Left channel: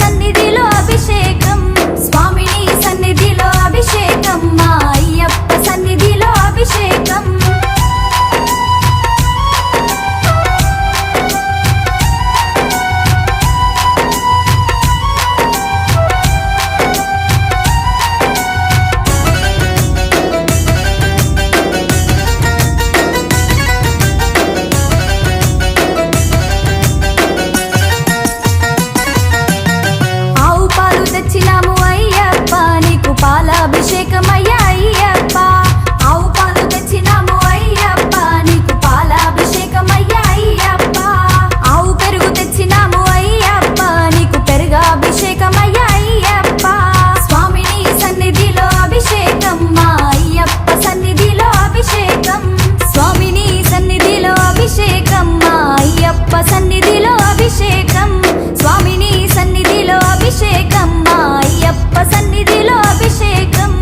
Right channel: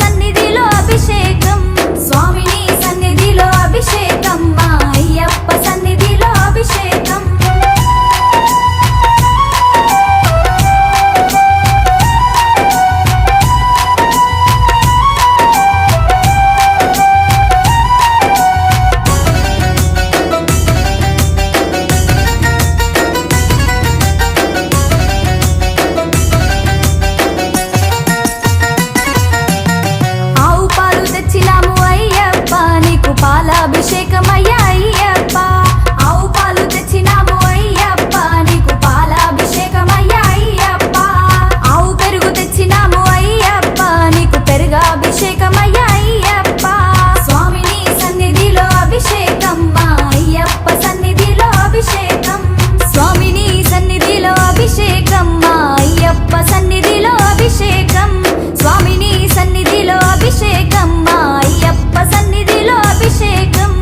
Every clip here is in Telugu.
సన్నిధిలో అభిషేకం స్వామిని సన్నిధిలో అభిషేకం మా అయ్యప్ప సన్నిధిలో అభిషేకం తెచ్చినాము అయ్యప్ప నీకు పాలాభిషేకమయ్యా అయ్యప్ప ఆవు పాలు తెచ్చినాము అయ్యప్ప నీకు పాలాభిషేకమయ్యా అయ్యప్ప ఆవు పెరుగు తెచ్చినాము అయ్యప్ప నీకు పెరుగాభిషేకమయ్యా అయ్యప్ప స్వామిని సన్నిధిలో అభిషేకం మా అయ్యప్ప సన్నిధిలో అభిషేకం స్వామిని సన్నిధిలో అభిషేకం మా అయ్యప్ప సన్నిధిలో అభిషేకం స్వామిని సన్నిధిలో అభిషేకం మా అయ్యప్ప సన్నిధిలో అభిషేకం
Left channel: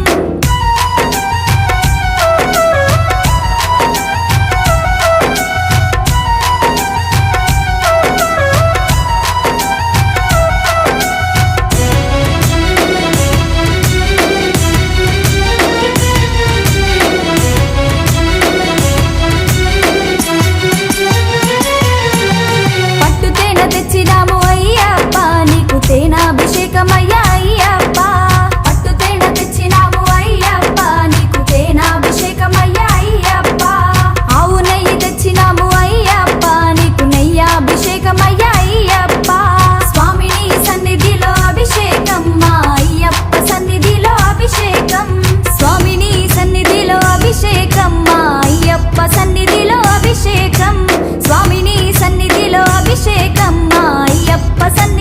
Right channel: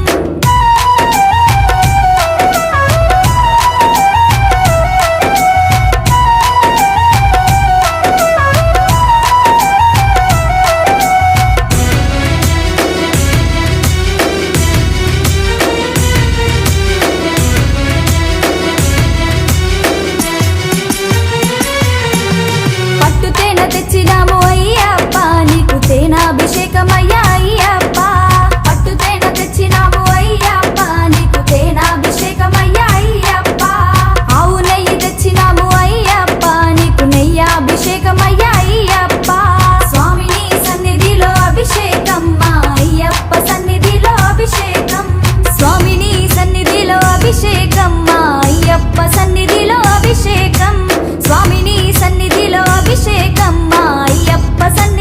పట్టుతేన తెచ్చినాము అయ్యప్ప నీకు తేనాభిషేకమయ్యా అయ్యప్ప పట్టుతేన తెచ్చినాము అయ్యప్ప నీకు తేనాభిషేకమయ్యా అయ్యప్ప ఆవు నెయ్యి తెచ్చినాము అయ్యప్ప నీకు నెయ్యాభిషేకమయ్యా అయ్యప్ప స్వామిని సన్నిధిలో అభిషేకం మా అయ్యప్ప సన్నిధిలో అభిషేకం స్వామిని సన్నిధిలో అభిషేకం మా అయ్యప్ప సన్నిధిలో అభిషేకం స్వామిని సన్నిధిలో అభిషేకం మా అయ్యప్ప సన్నిధిలో